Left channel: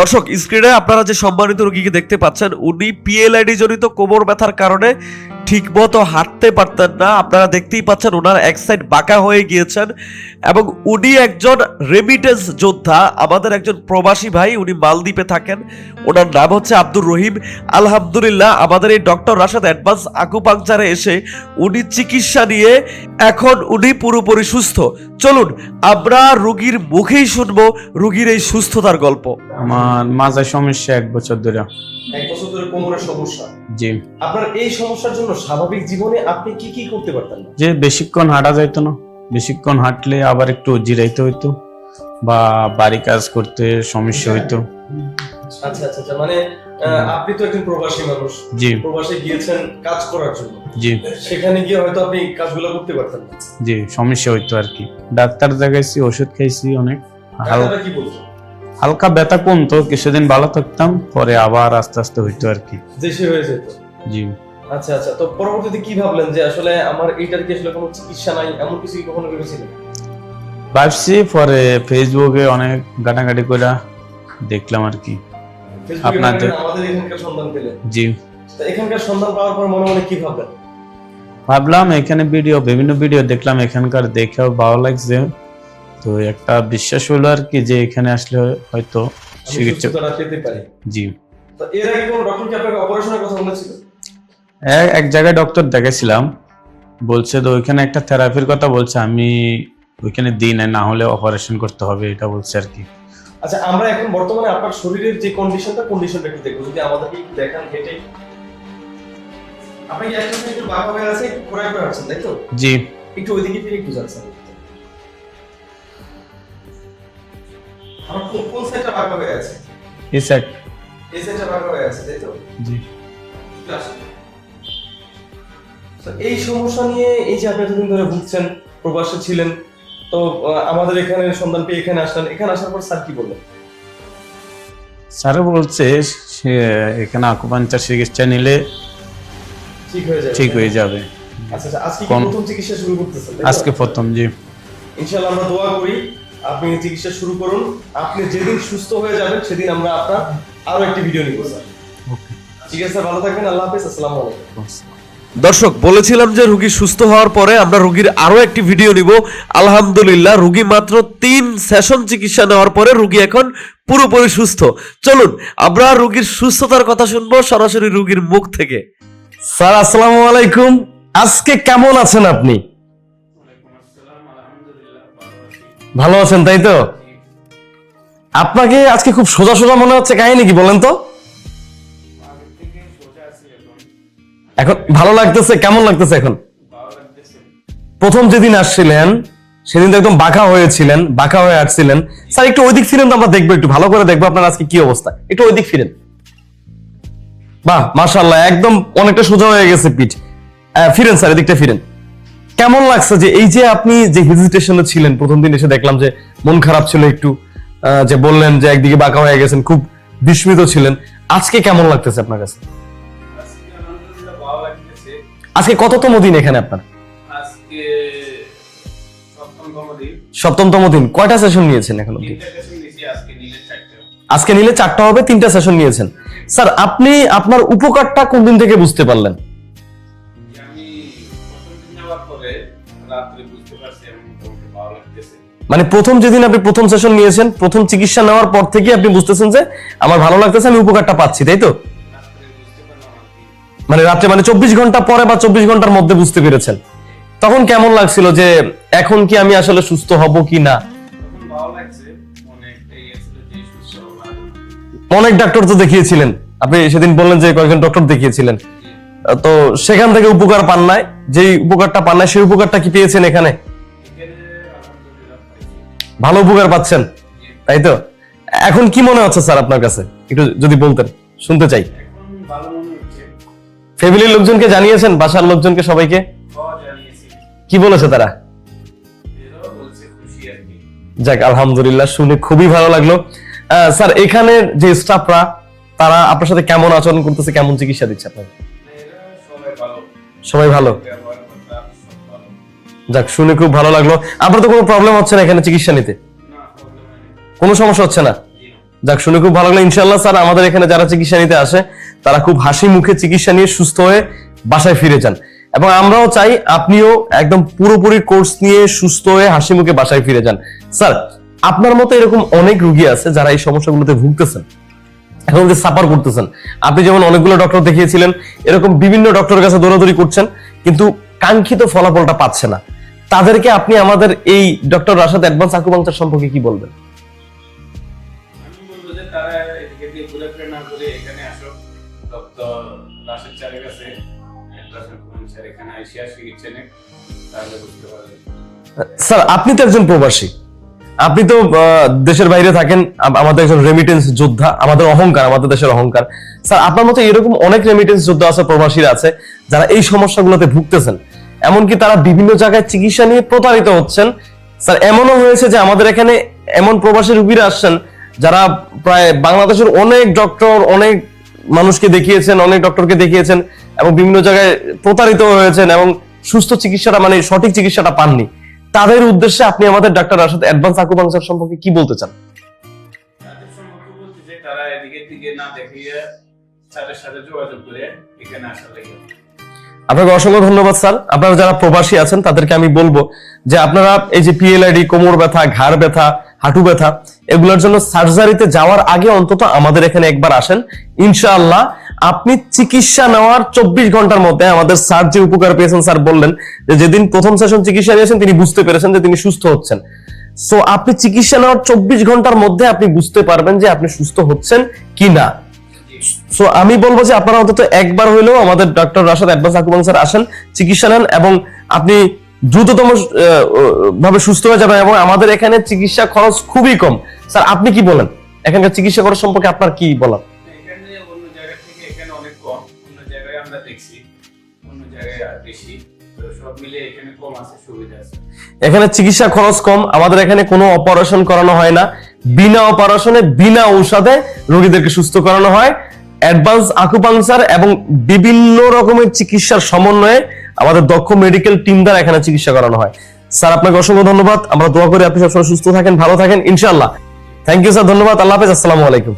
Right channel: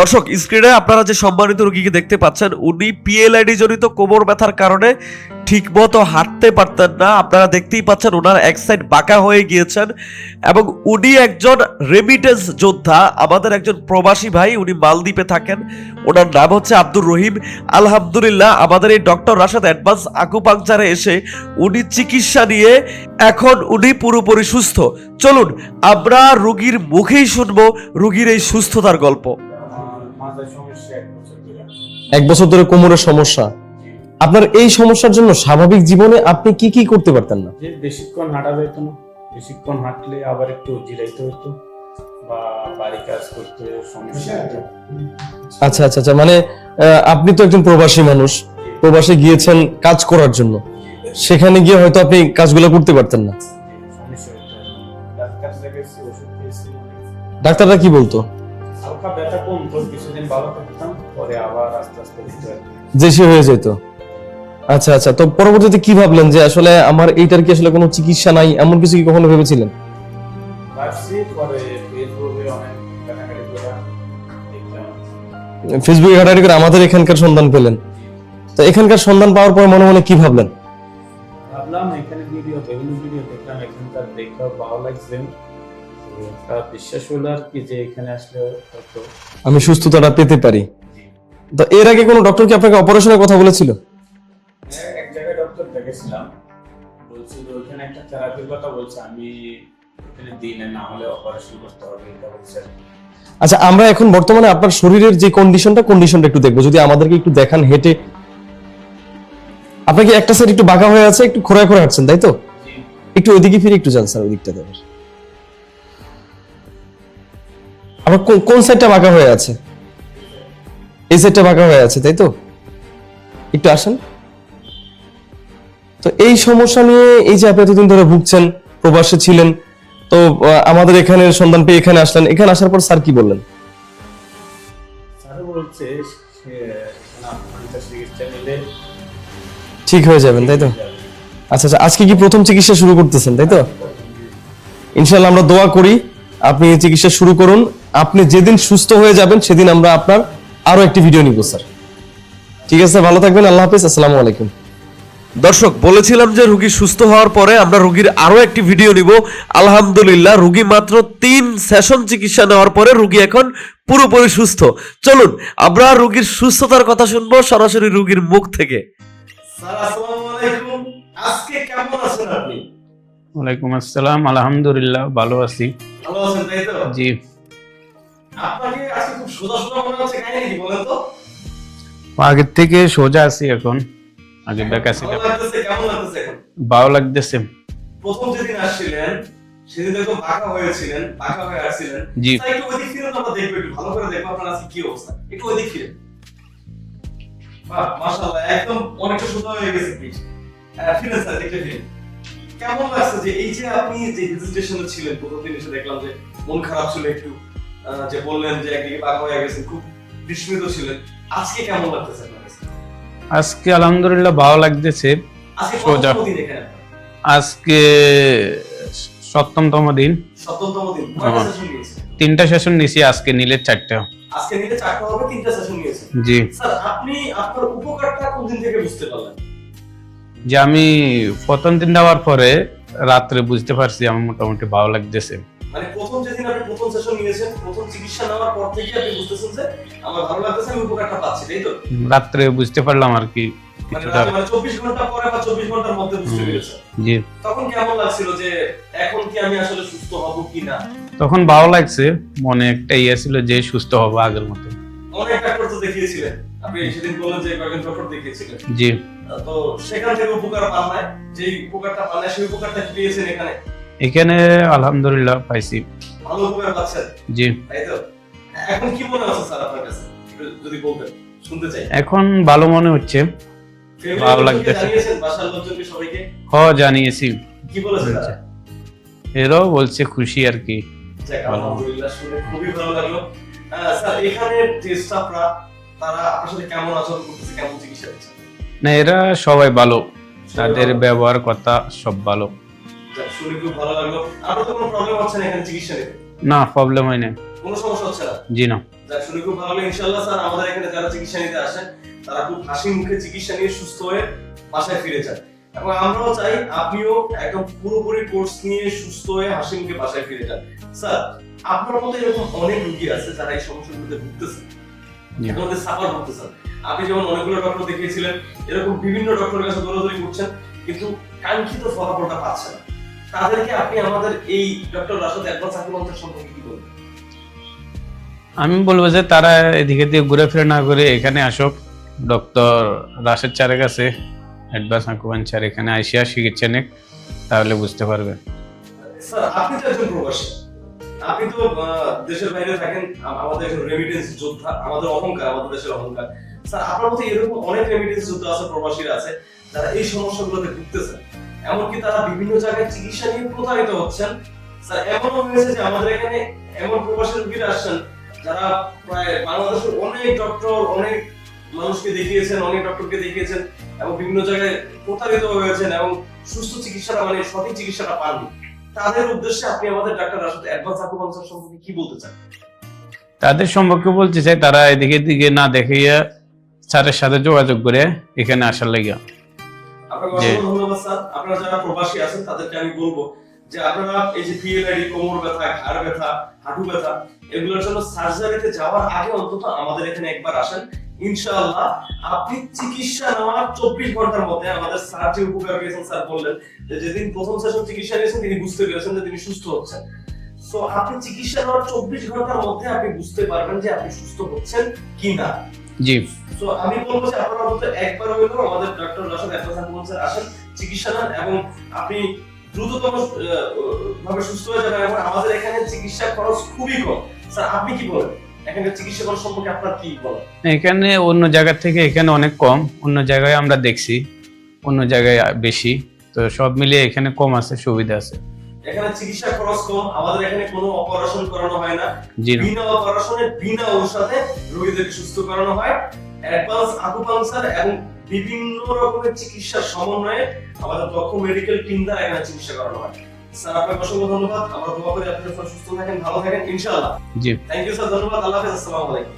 দর্শক স্ক্রিনে আপনারা যে সম্মানিত রোগীকে দেখতে পাচ্ছেন, উনি পিএলআইডি জনিত কোমর ব্যথার কারণে ঠিকমতো হাঁটতে পারতেন না। আপনারা দেখতেই পাচ্ছেন ওনার এক সাইড বাঁকা হয়ে গিয়েছেন এবং উনি একজন রেমিটেন্স যোদ্ধা আমাদের একজন প্রবাসী ভাই উনি মালদ্বীপে থাকেন। ওনার নাম হচ্ছে আব্দুর রহিম। আলহামদুলিল্লাহ আমাদের এই ডক্টর রাশাদ অ্যাডভান্স আকুপাংচারে এসে উনি চিকিৎসা নিয়ে এখন উনি পুরোপুরি সুস্থ। চলুন আমরা রুগীর মুখেই শুনব রুগীর এই সুস্থতার গল্প। আমার মাজার সমস্যা এক বছর ধরে। এক বছর ধরে কোমরের সমস্যা? জি। আপনার এই সমস্যার জন্য স্বাভাবিক জীবনে আপনি কি কি করতে পারতেন না? যে বেশিক্ষণ হাঁটা যাইতো না। বেশিক্ষণ হাঁটলে আবার একটু জিরাইতে হইতো। বা বাড়ি কাজ করতে সমস্যা হইতো। আচ্ছা আচ্ছা আচ্ছা মানে আপনি তো একজন প্রবাসী মানুষ। জি। প্রবাসে গিয়েছেন কাজ করার জন্য। জি। সেখানে গিয়ে হয়তো আপনি কাজগুলো করতে পারতেন না। জি সমস্যা হইতো আর কি। ডাক্তার দেখাইছি ওষুধ খাইছি অনেক। ডাক্তাররা কি বলতো? হালকা ব্যথা কমতো কিছুদিন ভালো থাকতাম পরে আবার আস্তে আস্তে হইতো আর কি। দেশি হয়ে যেত। জি। আচ্ছা আচ্ছা তো পরবর্তীতে কি ভাবলেন যে আসলে আমার এইটার কি আসলে কোনো চিকিৎসা নাই? এমন কিছু কি কখনো ভেবেছিলেন? ভাবছি পরে ফেসবুকে অনেক ঘাটাঘাটি করে দেখলাম আর কি। ফেসবুকে ঘাটাঘাটি করে আমাদের এখানকার সন্ধান পেলেন? জি। তো এখানকার সন্ধান পাওয়ার পর মনে মনে কি ভাবলেন? ভাবলাম এখানে ভিডিও বিভিন্ন ভিডিও দেখলাম এখানকার দেখেও ভালো লাগছে। তো একটা বিশ্বাস হলো আর কি যে এখানে আসলে হয়তো আমি সুস্থতাটা পেতে পারি। জি। তো এর আগে কোনো ডক্টর কি আপনাকে অপারেশনের কথা বলেছিল? এক জায়গায় ডক্টর দেখেছিলাম বলছে তো ওইখানে একটা থেরাপির কথা বলছে আমি ওইখানে দিই না না হলে অপারেশন করতে হবে এটা বলছে আর কি। আচ্ছা আমরা এখন বর্তমানে আপনার শরীরের যে কন্ডিশনটা কন্ডিশনটা একটু দেখব। যদি আমাদেরকে একটু দেখান হেঁটে। আপনাকে একটা সাইড একটু বাঁকা হয়ে আছে একটু খোঁড়া করে হাঁটছেন তাই তো? জি। একটু ওইদিকে ফিরে একটু যান স্যার ওইদিকটা দেবেন আবার কোন- কোন সাইডটা বাঁকা হয়ে আছে? এই সাইড এই সাইডটা বাঁকা হয়ে আছে তাই তো? জি। একটু আসেন। তো এই সমস্যা নিয়ে এই যে আপনি এতদিন ধরে ভুগছেন প্রবাসে ছিলেন তো আমাদের এখানে সন্ধান পেয়ে এখানে আসলেন। এখানে আসার পর স্যার কি বললেন? স্যার বলছে এখানে আকুপাঞ্চার চিকিৎসা নিলে ঠিক হয়ে যাবে ঠিক হয়ে যাবে। আচ্ছা আচ্ছা আজকে কি প্রথম চিকিৎসা শুরু করতেছেন তাই তো? আজকে প্রথম জি। ইনশাআল্লাহ আমরা দোয়া করি আপনি চিকিৎসা শুরু করুন। আপনি যেদিন সুস্থ হয়ে যাবেন সেদিন আমরা আপনার আরও একটি ভিডিও নিব স্যার। ঠিক আছে ভালো থাকবেন আল্লাহ হাফিজ আসসালামু আলাইকুম। দর্শক বলেছিলাম যে রুগী সুস্থ হওয়ার পরে আমরা রুগীর আরও একটি ভিডিও নিব। আলহামদুলিল্লাহ রুগী মাত্র তিন সেশন চিকিৎসা নেওয়ার পরে রুগী এখন পুরোপুরি সুস্থ। চলুন আমরা রুগীর সুস্থতার কথা শুনব সরাসরি রুগীর মুখ থেকে। স্যার আসসালামু আলাইকুম। আজকে কেমন আছেন আপনি? ওয়ালাইকুম আসসালাম আলহামদুলিল্লাহ ভালো আছি। ভালো আছেন তাই তো? জি। আপনাকে আজকে খুব সোজা সোজা মনে হচ্ছে কাহিনী কি বলেন তো? আগের থেকে সোজা আছি এখন। এখন ভালো লাগতেছে কেমন লাগতেছে এখন? ভালো লাগতেছে। প্রথম যেদিন আসছিলেন সেদিন তো একদম বাঁকা হয়েছিলেন বাঁকা হয়ে আসছিলেন। স্যার একটু ওইদিক ফিরেন তো আমরা দেখব একটু ভালো করে দেখব আপনার আজকে কি অবস্থা। একটু ওইদিক ফিরেন। বাহ মাশাল্লাহ একদম অনেকটা সোজা হয়ে গেছে পিঠ। ফিরেন স্যার এদিকটা ফিরেন। কেমন লাগছে যে এই যে আপনি যে হেজিটেশনে ছিলেন প্রথম দিন এসে দেখলাম যে মন খারাপ ছিল একটু আহ, যে বললেন যে একদিকে বাঁকা হয়ে গেছেন খুব বিস্মিত ছিলেন। আজকে কেমন লাগতেছে আপনার কাছে? আজকে আলহামদুলিল্লাহ ভালো লাগতেছে। আজকে কততম দিন এখানে আপনার? আজকে সপ্তমতম দিন। সপ্তমতম দিন। কয়টা সেশন নিয়েছেন এখন? তিনটা সেশন নিছি আজকে নিলে চারটা। আজকে নিলে চারটা হবে তিনটা সেশন নিয়েছেন। জি। স্যার আপনি আপনার উপকারটা কোন দিন থেকে বুঝতে পারলেন? যে আমি প্রথম দিন দেওয়ার পরে রাত্রে বুঝতে পারছি আমার মোটামুটি ভালো লাগতেছে। মানে প্রথম যেদিন আপনি প্রথম সেশন নিয়েছেন প্রথম চিকিৎসা নেওয়ার পর থেকে আপনি বুঝতেছেন যে আমার ভালো লাগতেছে আমি উপকারটা পাচ্ছি তাই তো? রাত্রে বুঝতে পারলাম আর কি। মানে রাত্রে মানে চব্বিশ ঘণ্টা পরে বা চব্বিশ ঘণ্টার মধ্যে বুঝতে পেরেছেন? তখন কেমন লাগছিল যে এখন কি আমি আসলে সুস্থ হব কি না? তখন ভালো লাগছে মনে একটা ইয়ে ছিল যে সুস্থ হব আগের মতো। অনেক ডাক্তার তো দেখিয়েছিলেন। আপনি সেদিন বললেন যে কয়েকজন ডক্টর দেখিয়েছিলেন। জি। তো সেখান থেকে উপকার পান নাই। যেই উপকারটা পান নাই সেই উপকারটা কি পেয়েছেন এখানে? এখানে আলহামদুলিল্লাহ পাইছি। ভালো উপকার পাচ্ছেন? জি। তাই তো এখন কি মনে হচ্ছে স্যার আপনার কাছে? একটু যদি বলতেন শুনতে চাই। এখন ভালো মনে হচ্ছে। ফ্যামিলির লোকজনকে জানিয়েছেন? বাসার লোকজনকে সবাইকে? হ জানিয়েছি। কি বলেছে তারা? এরাও বলছে খুশি আর কি। যাক আলহামদুলিল্লাহ শুনে খুবই ভালো লাগল। স্যার এখানে যে স্টাফরা তারা আপনার সাথে কেমন আচরণ করতেছে কেমন চিকিৎসা দিচ্ছে আপনাকে না এরা সবাই ভালো। সবাই ভালো? ব্যবহার কথা সব ভালো। যাক শুনে খুব ভালো লাগল। আপনার তো কোনো প্রবলেম হচ্ছে না এখানে চিকিৎসা নিতে? না প্রবলেম হয় না কোনো সমস্যা হচ্ছে না? জি না। যাক শুনে খুব ভালো লাগল। ইনশাল্লাহ স্যার আমাদের এখানে যারা চিকিৎসা নিতে আসে তারা খুব হাসি মুখে চিকিৎসা নিয়ে সুস্থ হয়ে বাসায় ফিরে যান। এবং আমরাও চাই আপনিও একদম পুরোপুরি কোর্স নিয়ে সুস্থ হয়ে হাসি মুখে বাসায় ফিরে যান। স্যার আপনার মতো এরকম অনেক রুগী আছে যারা এই সমস্যাগুলোতে ভুগতেছেন এখন যে সাফার করতেছেন। আপনি যেমন অনেকগুলো ডক্টর দেখিয়েছিলেন এরকম বিভিন্ন ডক্টরের কাছে দৌড়াদৌড়ি করছেন কিন্তু কাঙ্ক্ষিত ফলাফলটা পাচ্ছে না। তাদেরকে আপনি আমাদের এই ডক্টর রাশাদ অ্যাডভান্স আকুপাংচার সম্পর্কে কি বলবেন? আমি বলব যে তারা এদিকে দিয়ে ঘুরে ফিরে না করে এখানে আসুক। ডক্টর রাশেদ চারের কাছে অ্যাডভান্স আকুপাঞ্চার এখানে আইসিয়া চিকিৎসা নিক তাহলে বুঝতে পারবেন। স্যার আপনি তো একজন প্রবাসী। আপনি তো দেশের বাইরে থাকেন আমাদের একজন রেমিটেন্স যোদ্ধা আমাদের অহংকার আমাদের দেশের অহংকার। স্যার আপনার মতো এরকম অনেক রেমিটেন্স যোদ্ধা আছে প্রবাসীরা আছে যারা এই সমস্যাগুলোতে ভুগতেছেন। এমনকি তারা বিভিন্ন জায়গায় চিকিৎসা নিয়ে প্রতারিত হচ্ছেন। স্যার, এমনও হয়েছে যে আমাদের এখানে এমন প্রবাসী রুগীরা আসছেন যারা প্রায় বাংলাদেশের অনেক ডক্টর, অনেক মানুষকে দেখিয়েছেন, অনেক ডক্টরকে দেখিয়েছেন এবং বিভিন্ন জায়গায় প্রতারিত হয়েছেন এবং সুস্থ চিকিৎসাটা মানে সঠিক চিকিৎসাটা পাননি। তাদের উদ্দেশ্যে আপনি আমাদের ডাক্তার রাশাদ অ্যাডভান্স আকুপাংচার সম্পর্কে কি বলতে চান? তাদের সম্পর্কে বলতে চাই তারা এদিকে দিকে না দেখাইয়া স্যারের সাথে যোগাযোগ করে এখানে আসার লাগিয়া আপনাকে অসংখ্য ধন্যবাদ স্যার। আপনারা যারা প্রবাসী আছেন তাদেরকে আমি বলব যে আপনারা এই যে পিএলআইডি কোমর ব্যথা ঘাড় ব্যথা হাঁটু ব্যথা এগুলোর জন্য সার্জারিতে যাওয়ার আগে অন্তত আমাদের এখানে একবার আসেন। ইনশাআল্লাহ আপনি চিকিৎসা নেওয়ার চব্বিশ ঘণ্টার মধ্যে আমাদের স্যার যে উপকার পেয়েছেন স্যার বললেন যে যেদিন প্রথম সেশন চিকিৎসা নিয়েছেন তিনি বুঝতে পেরেছেন যে তিনি সুস্থ হচ্ছেন। সো আপনি চিকিৎসা নেওয়ার চব্বিশ ঘণ্টার মধ্যে আপনি বুঝতে পারবেন যে আপনি সুস্থ হচ্ছেন কি না জি। সো আমি বলব যে আপনারা অন্তত একবার হইলেও আমাদের ডক্টর রাশাদ অ্যাডভান্স আকুপাংচার আসেন চিকিৎসা নেন এবং আপনি দ্রুততম ভাবে সুস্থ হয়ে যাবেন এবং আমাদের এখানে চিকিৎসা খরচ খুবই কম। স্যার আপনি কি বলেন? এখানকার চিকিৎসা খরচ সম্পর্কে আপনার কি বলার? এখানে অন্য জায়গা থেকে এখানে অনেক কম অন্য জায়গায় আমরা দেখছি অন্য জায়গায় বেশি। তো সব মিলিয়ে এখানে কম আছে সুবিধা আছে। এখানে চিকিৎসা খরচ কম আমাদের এখানে কোনো অপারেশন করানো হয় না। বিনা অপারেশনে বিনা ঔষধে রোগীদেরকে সুস্থ করানো হয়। অ্যাডভান্স আকুপাংচার এবং বিভিন্ন রকমের চিকিৎসার সমন্বয়ে আমাদের দক্ষ মেডিকেল টিম দ্বারা এখানে চিকিৎসা করানো হয়। স্যার আপনাকে অসংখ্য ধন্যবাদ। আমরা দোয়া করি আপনি সবসময় সুস্থ থাকেন ভালো থাকেন। ইনশাল্লাহ জি। থ্যাংক ইউ স্যার ধন্যবাদ। আল্লাহ হাফেজ। আসসালামু আলাইকুম।